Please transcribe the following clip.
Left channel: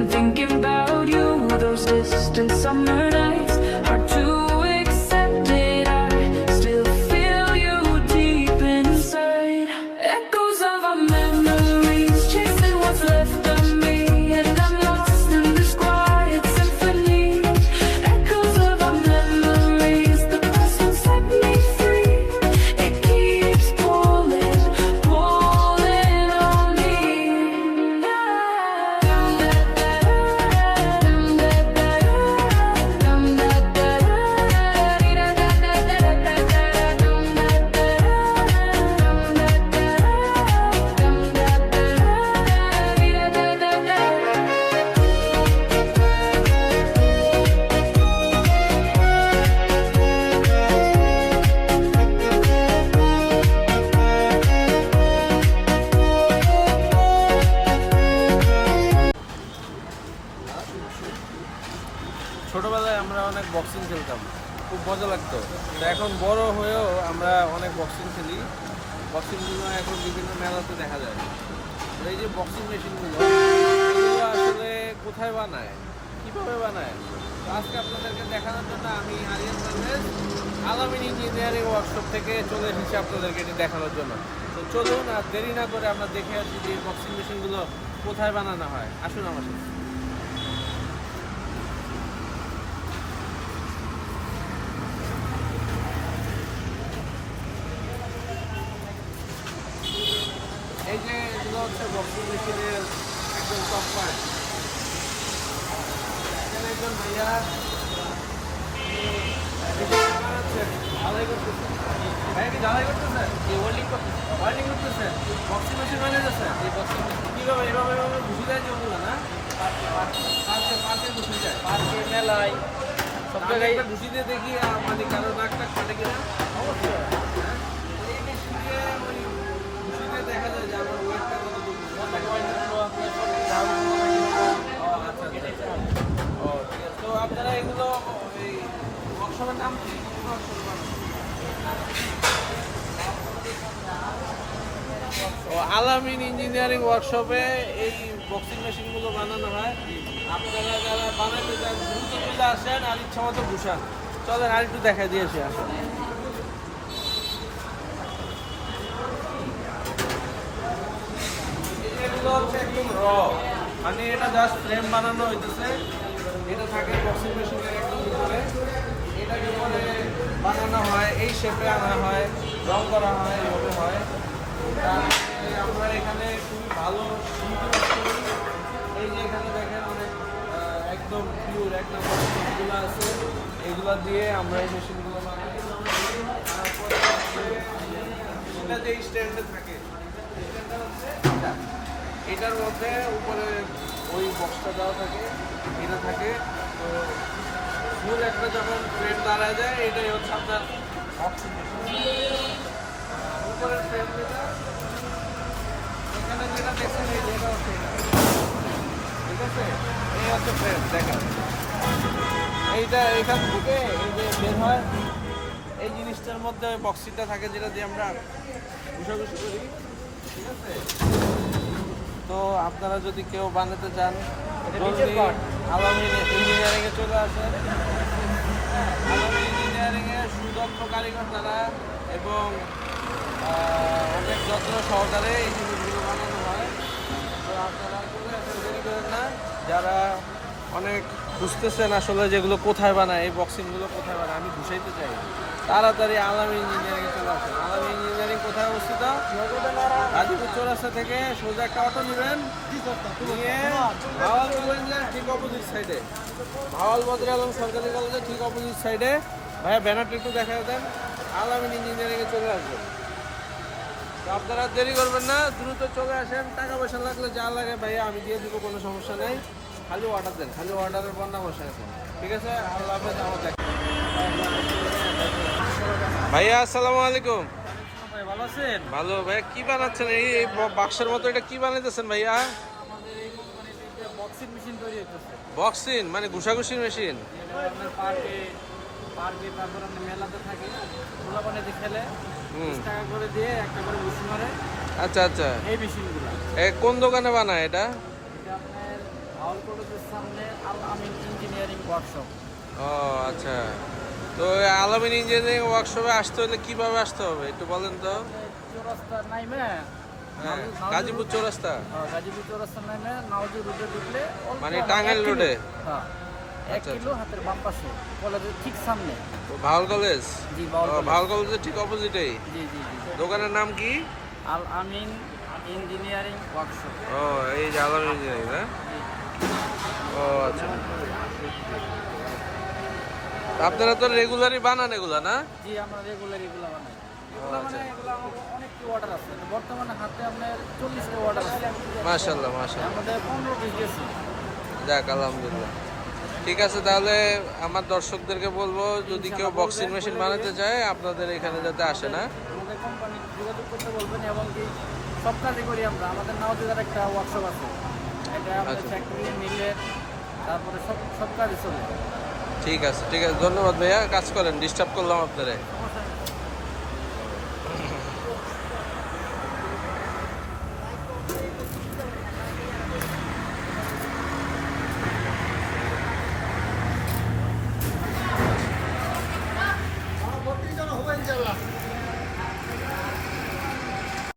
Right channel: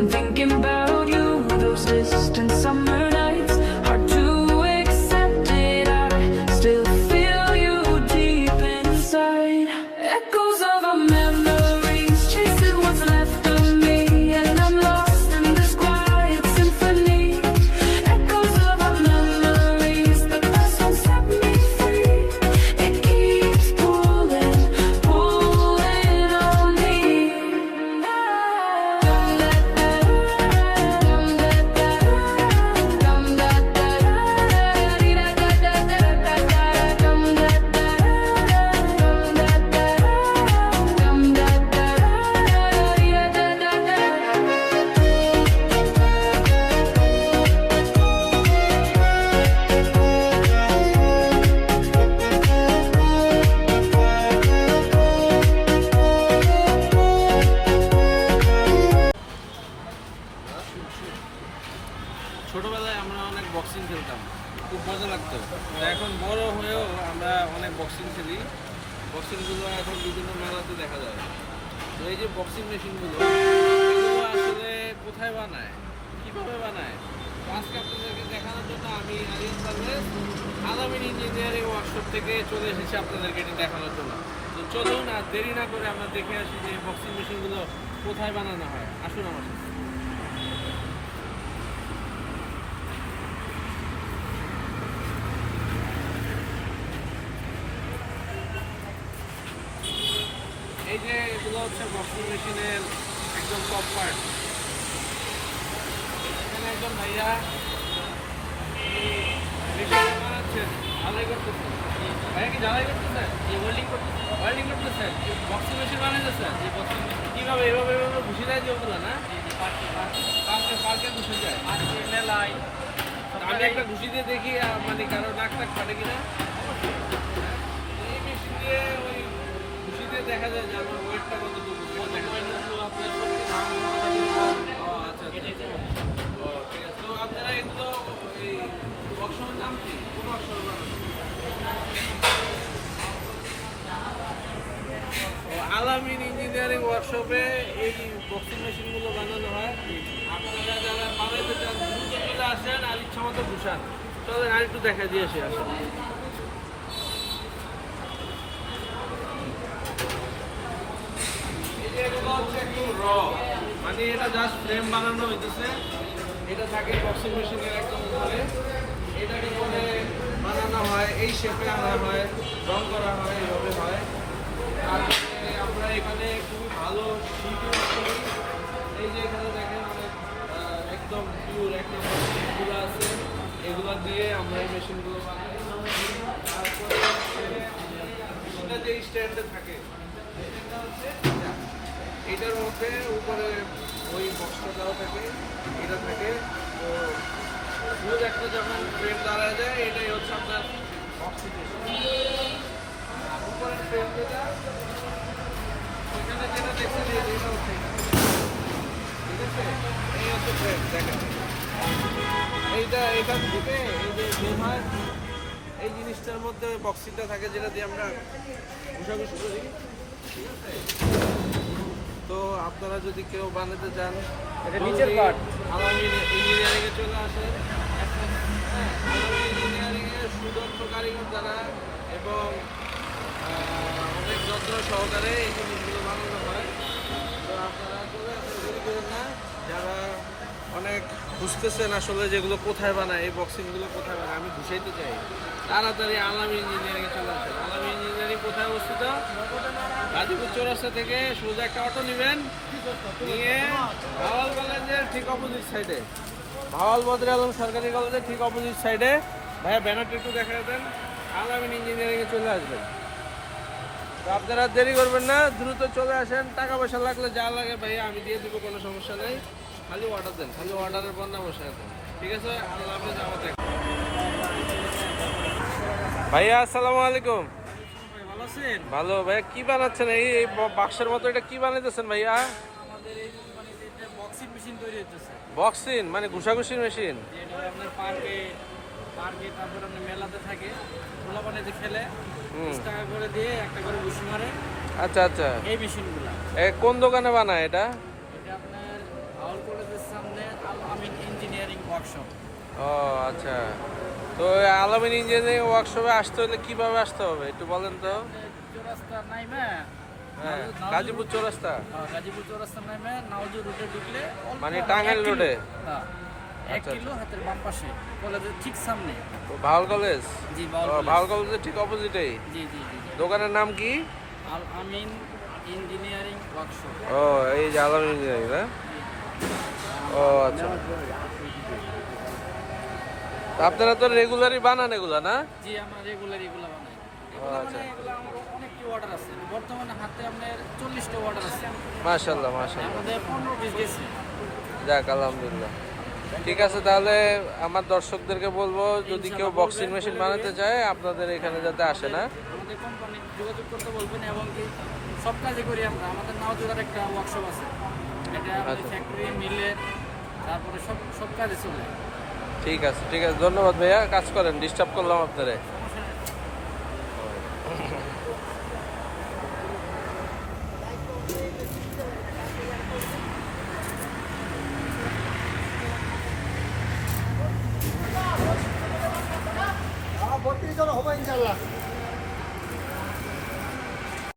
been thinking about you, those distant summer nights. Hard to accept it, I still feel you deep inside. Echoes of our memories, chasing what's left of me, and I'm lost in this quiet symphony. Echoes of our memories, the past won't set me free. It keeps pulling on me. ছোটবেলায় আমরা অনেক boxing খেলতাম, খুব মজা লাগতো। তো এখন বড় হয়েও আমরা অনেক বক্সিং খেলি। বক্সিংগুলো এখন বিভিন্ন মেলাতে দেখা যায়। তো এই যে বক্সিং মেশিনগুলো, এগুলো আসলে কোথায় বানায়, কীভাবে বানায়, তো আজকে আপনাদেরকে দেখানোর জন্য আমি আরিয়ান পারভেজ আলামিন ইঞ্জিনিয়ারিং ওয়ার্কশপ থেকে চলে এসেছি আপনাদেরকে এটি দেখানোর জন্য। তো চলুন আর দেরি না করে আমরা দেখে আসি যে বক্সিং মেশিনগুলো কোথায় বানানো হয়। আসুন আমার সাথে। এই যে এগুলো হচ্ছে বক্সিং মেশিনের একদম টপ পার্ট। এখানে একজন ভাইয়া বানাচ্ছেন, ঝালাই করতেছেন। ভাইয়া কি ঝালাই করতেছেন? ওয়েল্ডিং করতেছেন, বক্সিং মেশিন বানাইতেছেন। কীভাবে এইভাবে ঘুষি যায় যে ওগুলো না, পার্কে ঘুষি যায়। আমি একটা ঘুষি দিয়ে দেখি মানে কারো নাক টাক ফাটে কিনা। এই মেশিন দিয়ে ওই ঘুষি দিয়ে দেখা যায় যে আমার ওয়েটটা কতটুকু দেখা যায়। ঠিক আছে। তো আপনারা এগুলো এই ওয়ার্কশপের নাম কি? কোন ওয়ার্কশপের নাম? আলামিন ইঞ্জিনিয়ারিং ওয়ার্কশপে এই বক্সিং মেশিনগুলো বানানো হয়। আপনারা যারা বানাইতে চান দ্রুত চলে আসেন আর ইচ্ছা মতো ঘুষান। চলেন আর একটু দেখা দিয়ে এসে আসেন। এগুলো হচ্ছে একদম র, মানে এটা জাস্ট ফ্রেম বানানো হইতেছে। এটা থাকে বক্সিং মেশিনের একদম উপরে। এটাকে পরে বানানো হয়, এই শেপে আনা হয়, রং করা হয়, এভাবে হয়। তারপরে আমরা এখানে খুবই ভালো শিল্প করি। এই যে এখানে দেখেন অনেক একদম পিওর একদম মেশিনগুলো আছে, এগুলো দিয়ে আমরা এই মেশিনগুলো বানাই। তারপরে এটা যে স্ট্যান্ডে থাকে, স্ট্যান্ডটা হচ্ছে এটার মধ্যে উপরে ওই বক্সটা দেওয়া থাকে, এটা থাকে মূল একটা যখন ফ্রেম দাঁড়ায় যায়, এটাই হচ্ছে আপনার অক্সিজেন। উপরের ফ্রেম যেটা, এখানে যেটা দেখছেন এই যেটা হচ্ছে এটা, ঠিক আছে। এই হচ্ছে ফ্রেম, দেখেন এইটা এখান থেকে এই যে বের হয়, এই জিনিসটার মধ্যে বক্সিংটা থাকে যেটা দিয়ে আমরা ঘুষাঘুষি করি, ঠিক আছে। তো আপনারা যদি কেউ বানাতে চান আলামিন ইঞ্জিনিয়ারিংয়ে চলে আসেন। আলামিন ইঞ্জিনিয়ারিংয়ে সুদক্ষ কারিগর দ্বারা এবং অনেক যত্ন সহকারে এই জিনিসগুলো বানানো হয়। তো আপনারা চলে আসেন, দেরি করেন না। যারা অনেক বুঝতেছেন আসলে যেগুলো কোথায় বানায়, এই বক্সিংগুলো কোথায় বানায়, আমি বুঝাইতে চাই, তাড়াতাড়ি আলামিন ইঞ্জিনিয়ারিংয়ে চলে আসেন। আলামিন ইঞ্জিনিয়ারিং কোথায় অবস্থিত? গাজীপুর চৌরাস্তা থেকে সোজা একটা অটো নেবেন, নিয়ে ভাওয়াল কলেজের ঠিক অপোজিট সাইডে, ভাওয়াল মন্দির এবং সরকারি কলেজের ঠিক অপোজিট সাইডে ভাইয়া ব্যানারটা একটু দেখা দেন, আলামিন ইঞ্জিনিয়ারিংয়ে চলে আসবেন। আপনারা দেরি করবেন না, দ্রুত চলে আসেন। টাকা পয়সা লাগলে যা লাগে ভাইয়া আমি দিয়ে দিব, কোনো সমস্যা নেই। খালি অর্ডার দেন, খালি অর্ডারের পর না বসে আছেন, ঠিক আছে। আল্লাহ হাফেজ। আমার দেখ ভাইয়া, আসসালামু আলাইকুম। ভালো আছেন? ভালো। ভাইয়া কি বানাচ্ছেন? এই বাক্সের মতো এটা কি বানাইতেছেন ভাইয়া? আমাদের এই কোম্পানিতে বক্সিং মেশিন তৈরি হচ্ছে। বক্সিং মানে ঘুষাঘুষির মেশিন? এটা আপনার পার্কে তারপর আপনার মেলাতে থাকে, গোলা বানাইতে খেলে 20 টাকা করে দিয়ে একটা করে মেশিন মারে। আচ্ছা আচ্ছা। এই মেশিনগুলো কোন দোকানে বানায় এটা? এটা আপনার আউল কলেজের সামনে আল আমিন ইঞ্জিনিয়ারিং ওয়ার্কশপ। ও আচ্ছা, তো আলামিন ইঞ্জিনিয়ারিং ওয়ার্কশপে আসতে হলে কিভাবে আসতে হবে একটু বলেন তো? চৌরাস্তা নাইমে, হ্যাঁ, নাওজু- গাজীপুর চৌরাস্তা, গাজীপুর চৌরাস্তা নাইমে নাওজু রুটে ঢুকলে অল্প মানে আমার টাঙ্গাইল 1 কিলো, রোডে? হ্যাঁ 1 আচ্ছা, কিলো হাতের বাম পাশে কলেজের ঠিক সামনে। ভাওয়াল কলেজ? জি বাউল কলেজ। ভাওয়াল কলেজের ঠিক অপোজিটেই। জি জি জি জি। দোকানের নাম কি? আল আমিন ইঞ্জিনিয়ারিং ওয়ার্কশপ। ও এই যে আলামিন ইঞ্জিনিয়ারিং না? জি। ও আচ্ছা, তা আপনারা তো রেগুলারই বানান এগুলা না? জি আমরা রেগুলার এগুলো বানাই। এগুলো আচ্ছা। মানে এগুলো আমার অনেক অর্ডার আছে, বর্তমানে হাতে আপনার 40টা অর্ডার আছে, মাশাআল্লাহ মাশাআল্লাহ, আমাদের 15 পিস গেছে। যাক আলহামদুলিল্লাহ। ঠিক আছে, তাহলে আমার দর্শকদেরকে বলবো যদি কেউ ইনশাআল্লাহ বক্সিং বলবেন, মেশিন বলে বানাতে দিবেন। চায় আপনাদের এখানে যাতে আসে না? আমাদের কোম্পানি যোগাযোগ করতে বলবেন, এবং কি সব কাজই করি আমরা। আমাদের নাওজুদার একটা ওয়ার্কশপ আছে, এটা আমাদের আচ্ছা। ফ্যাক্টরি মিলের, তারপরে সব কাজই চলে। ঠিক আছে, ঠিক আছে, ধন্যবাদ ভাইয়া, কাজ করেন, ডিস্টার্ব করলাম আপনারে।